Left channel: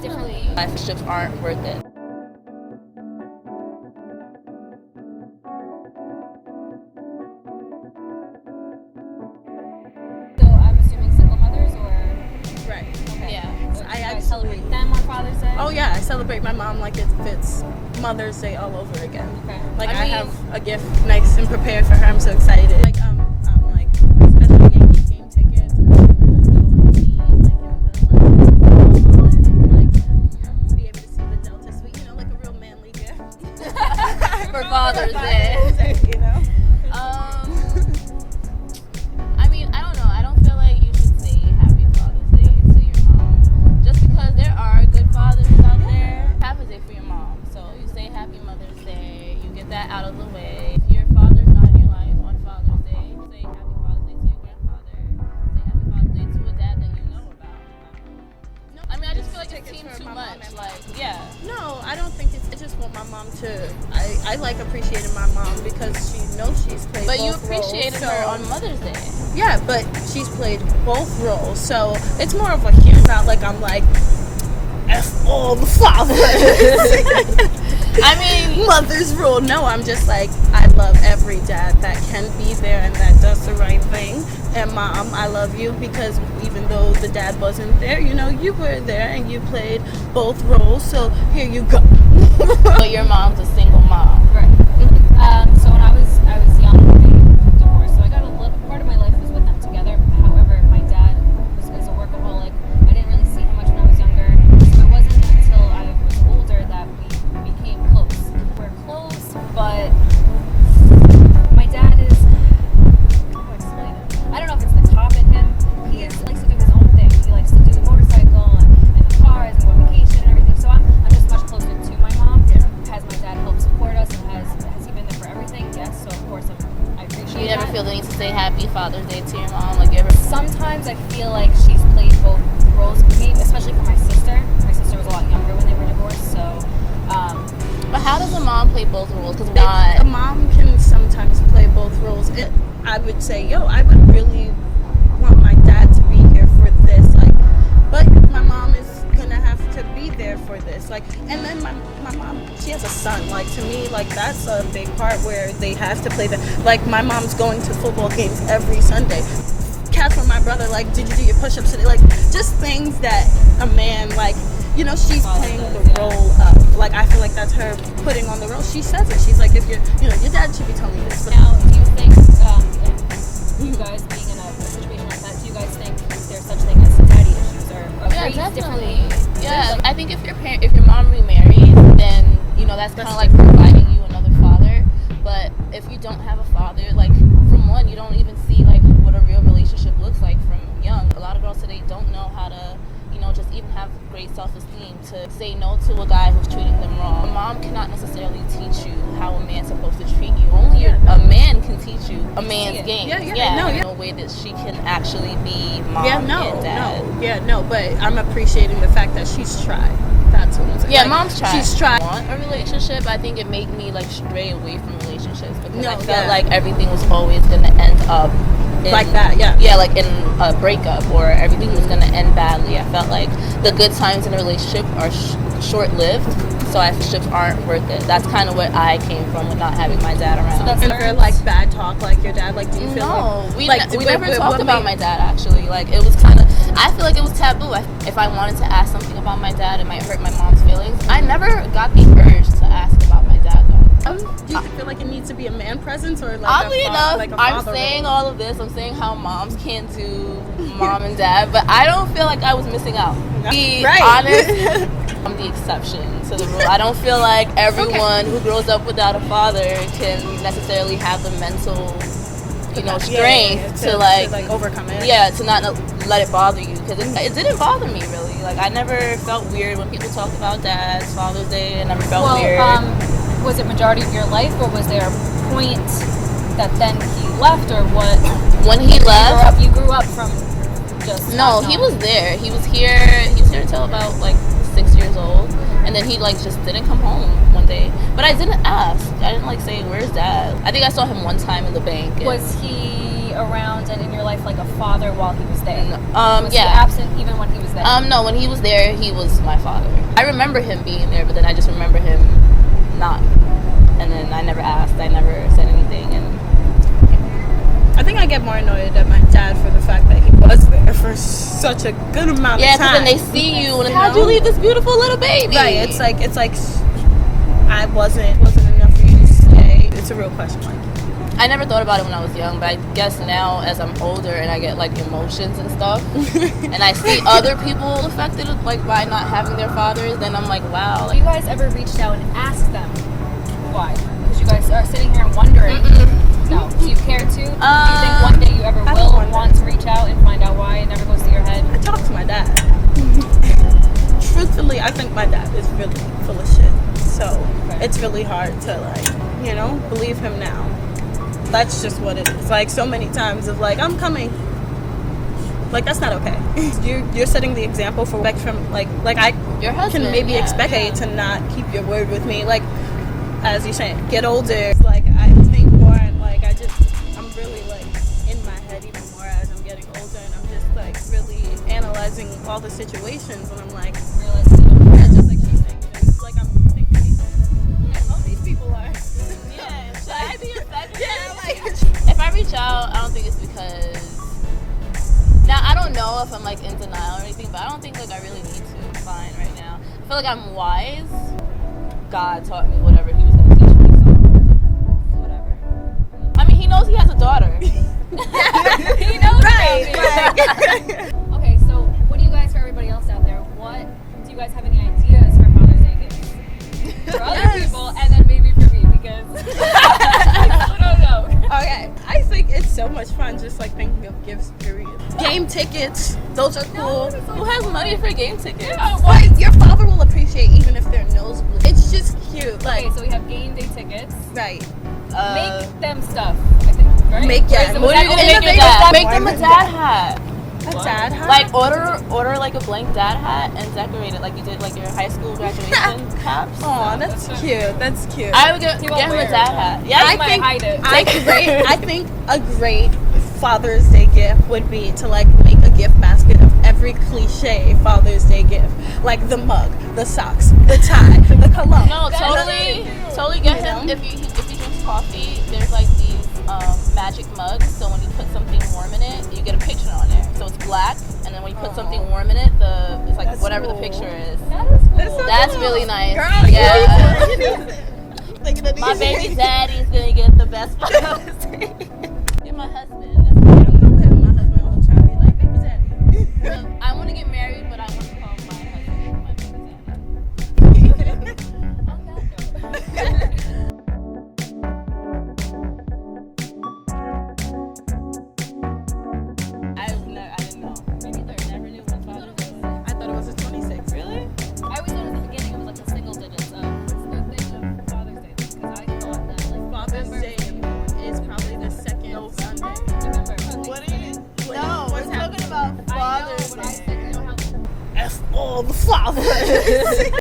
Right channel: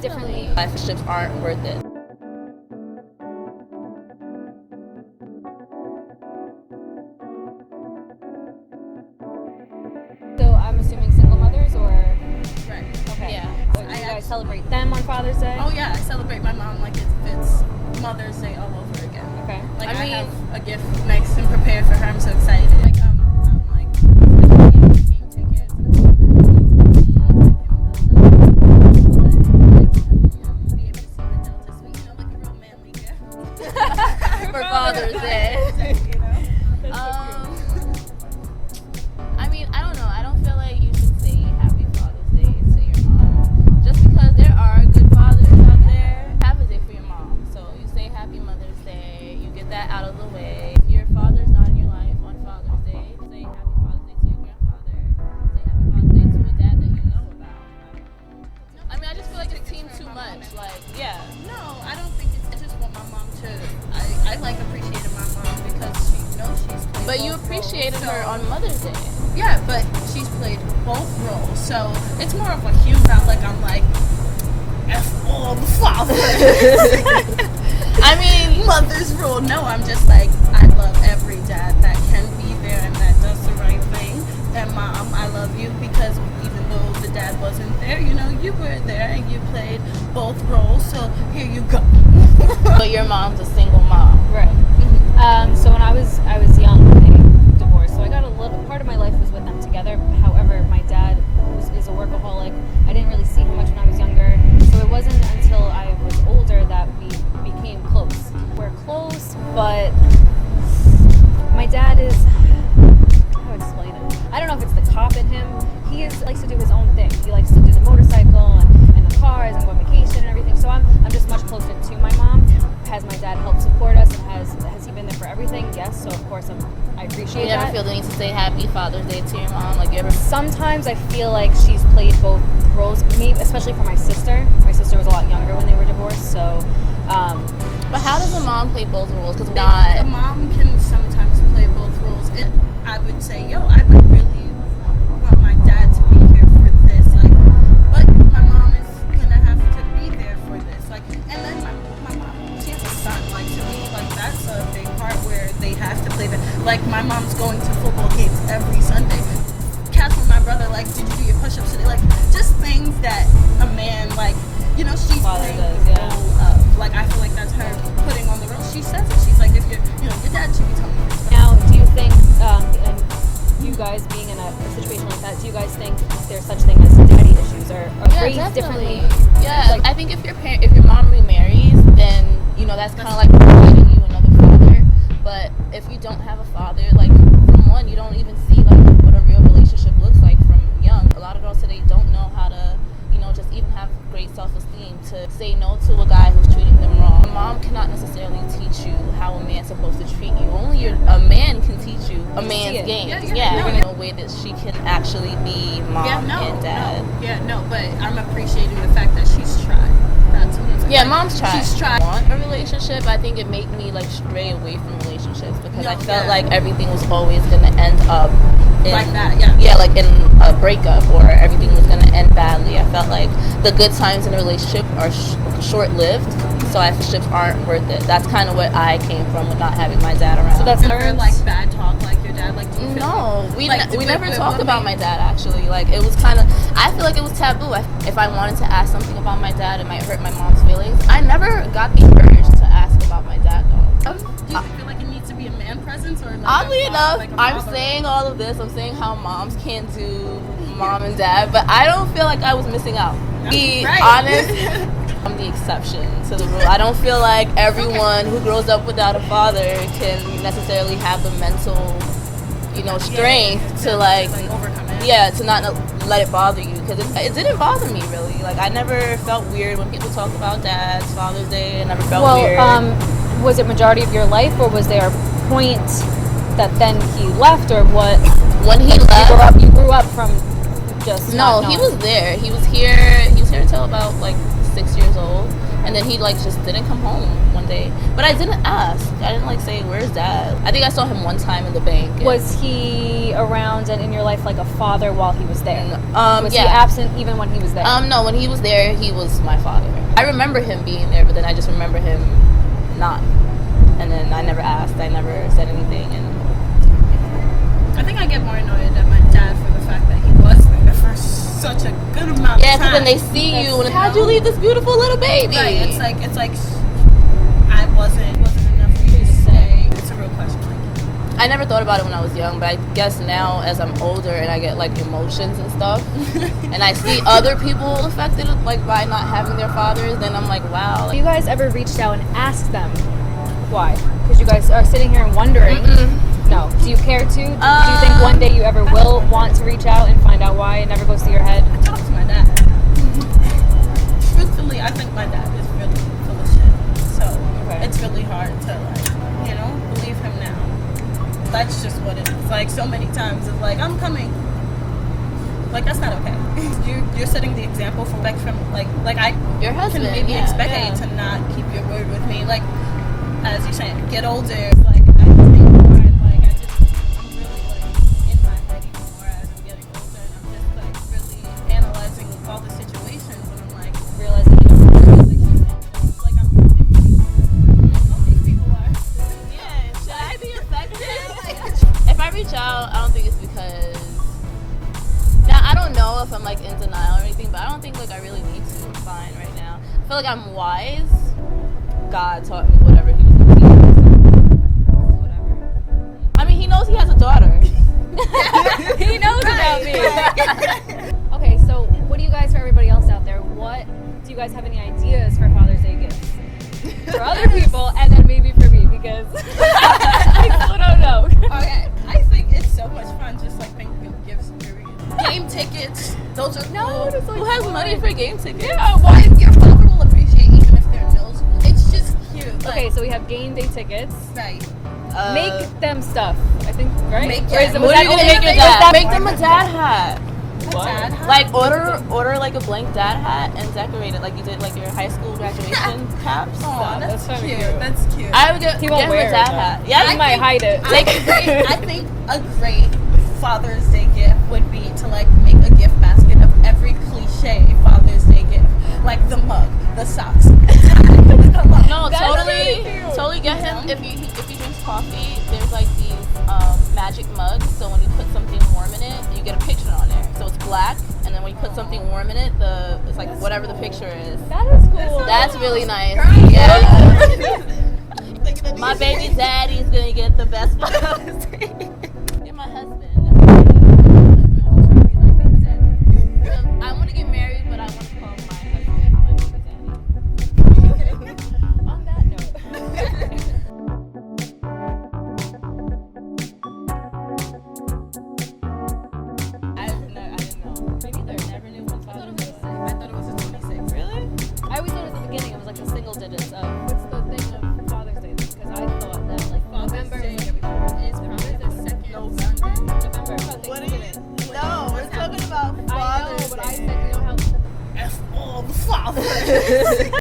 differently. Relationships aren't worth it. So I'm assuming single mothers, or Right. okay. Yeah. Or do you guys celebrate them on Father's Day? Oh yeah, I celebrate my mom like if it's Mother's Day all over again. Okay. Like I I, mean- have a gift nice and prepared for her. I'm so excited. Like special game tickets. I'm gonna go eat, be able to see the Delta Suite. You know, like a real manly gift For Father's Day. You know. I mean, I don't know. I don't feel like you should say Happy Father's Day to your mom. Just because there are good fathers out there. Happy Day for your mom. So you say Happy Mother's Day. You get that out of the way. If your father's not in your life on Father's Day, say Happy Father's Day to your grandfather. Say Happy Father's Day to a dad that you know about. I mean, I just feel like it seems too much. Like, yeah. No, I don't think it's. I just want my mom to. I like appreciating my mom because she knows she's played. But you both appreciated roles, her so- on Mother's Day. Yeah, but she's played both roles, so it's more of a human. Not like I'm like F all the fathers. I mean, Mother's rule. No, I'm just like I love every dad that can be there and that does the right thing. And mom, I love you because even though the dad wasn't there, you know, you were there and you played both roles. So here you go. but your mom's a single mom. Right. So when I was young, they divorced. So I got a little part of my life was with them together. However, my dad is a workaholic. I didn't really see him much when I was younger. So it wasn't until I was older that we became close. We're close, but my dad is, how do I explain it? I don't know if it's the cop in him. He likes to do his own thing. He likes to do the motorcycle and the cars and go on vacation and everything. So I'm just much closer to my mom. Yeah. Has my dad helped support us, and has he been there for everything? Yes. So of course I appreciate You never that. feel the need to say Happy Father's Day to your mom? Like, you ever? Sometimes I feel like she's played both roles, maybe especially for my sister. My sister was a lot younger when they were divorced, so. But how does a mom play both roles? Because A not. mom can sometimes play both roles. I would say, I would really want my dad to be here for this, like, but my mom is gonna have to be there for this, like, and then my mom, she has a son, like, to me, like, that's a big part where they have to play that. Like, my mom's going to football games every Sunday. Catherine, my brother, like, did you do your push-ups today? Like, just things that a man, like, you know, she's Father playing does, the yeah. role of, like, I feel like that's her putting on the role. She says it. She's like, if you're, your dad should be telling you this. But Now, do you think, and you guys being in a situation like that, do you guys think there's such thing as daddy issues or raised differently? Yeah, Like, I think if your mom remarries, then that's kind of like providing you another father. But if you don't have a father, like, from one, you don't even see like what a real relationship looks like from young. A lot of girls today don't know how to, just even have great self-esteem to say no to a guy who's treating them wrong. A mom cannot necessarily teach you how a man's supposed to treat you. Only a man can teach you a man's game. No way that she can actually be mom and dad. But I'm appreciating the fact that she's tried. That's what I'm saying. Yeah, like, mom's tried. She's tried. Want a relationship, I think it made me like stray away from relationships because No, I felt yeah. like everything was always gonna end up in, Like that, yeah. Yeah, like in a breakup, or everything was gonna end badly. I felt like the good times in a relationship are short-lived, so relationships aren't worth it. That's kind of what I came from with not having my dad around. So that's And for like bad talk, like your dad, like do you feel No, like, we like, never what talked about made- my dad, actually. Like, it was kind of, I feel like it was taboo. If I wanted to ask something about my dad, it might hurt my mom's feelings. I never got the urge to ask about my dad, though. Do you feel like it needs to be a man presence or like Oddly a enough, like a I'm father saying role? all of this. I'm saying how moms can't do mom and dad, but I don't feel like I was missing out. Be Right. honest, I'm the exception to the rule. I don't feel like everyone who grows up without a father can necessarily have the mental, strength to like overcome it. Yeah, to not let it bother you, because it didn't bother me really. Like, I never felt weird when people talked about dads, Father's Day. I never felt weird. Was it majority of your life, or was there a point that then he left, or what? When he left, You grew up from just no, not he knowing. was there. He was here until about like 6 years old, and then he like just didn't come home one day. But I didn't ask. I didn't like say, "Where's dad?" I think I saw him one time in the bank. and- Was he around and in your life like a father while he was there? Was he Yeah. absent even when he was there? No, when he was there, he was my father. I remember him being there, but then I just remember him not. And then I never asked. I never said anything. And I think I get more annoyed at my dad for the fact that he was there for such a good amount yeah, of because time. then they see you and You how'd know? you leave this beautiful little baby? Right, it's like I wasn't enough for you to stay. It's a real question. Like, I never thought about it when I was young, but I guess now as I'm older and I get like emotions and stuff, and I see other people affected like by not having their fathers, then I'm like, wow. Have you guys ever reached out and asked them why? Because you guys are sitting here and wondering. No. Do you care to? Do you think one day you ever I will wonder. want to reach out and find out why? It never goes to your head. I talked to my dad. Truthfully, I think my dad is really full of shit. So Okay. it's really hard to believe him now. That's just what it is. Like so many times of like, I'm coming. Like that's not okay. You're setting the example for from like I Your husband can maybe yeah, expect yeah. you to not keep your word with me. Like as you're saying, get older. It's like I think more and like I'm really like in my head even more as I'm getting older, and I'm just like really analyzing all the situations, and I'm like Realizing you don't yeah, just like she's saying, it's like I'm thinking all these people are. Yeah, should I be affected? If I reach out, I don't think it's because. Now I don't know if I'm like in denial or anything, but I don't think like I really need to. Fine, right now. I feel like I'm wise. God taught me whatever He was going to teach me. So whatever. I mean, He knows He has a daughter. He knows about me. Okay, so what do you guys, for everybody else out there, what do you guys have any ideas for Father's Day gifts? For other people, and then maybe for me, because I still don't know. Okay, I think it's so much fun just like thinking of gifts. Period. Game tickets, those are cool. Who has money for game tickets? Why your father will appreciate even if they're nosebleed. It's just cute. Like Okay, so we have game day tickets. right. Make them stuff, I think, right? Make- Or is yeah, it- What was are you that gonna make your innovative? dad? Was Make that them a part- dad hat. A What? dad hat. Like order like a blank dad hat and decorate it like you did like your high school graduation caps. Aw, that's That's so cute. cute. That's cute. I would get He won't him a wear it, dad though. hat. Yeah, He might hide it. I think a great Father's Day gift would be to like make a gift basket of every cliche Father's Day gift, like the mug, the socks, the tie, the cologne. No, That's totally, really cute. totally get You him. know? If he drinks coffee, there's like these magic mugs. So when you put something warm in it, you get a picture on there. So it's black, and then when you put something warm in it, it's like That's whatever cool. the picture is. That is cool. That's really nice. Girl, Yeah. Thinking of My these- baby daddy's gonna get the best Father's Day. You're my husband. I want to get married, but I want to call my husband my baby daddy. On that note. I didn't know. Maybe they never knew when Father's Day was. I thought it was the 26th. Really? I always thought at the beginning it was like the single digits of what's the thing of Father's Day, because I thought that like Father's November. Day is probably the second Sunday. November. What are you? No, What's we're talking about I know, Father's but I Day. said, you know how F all the fathers.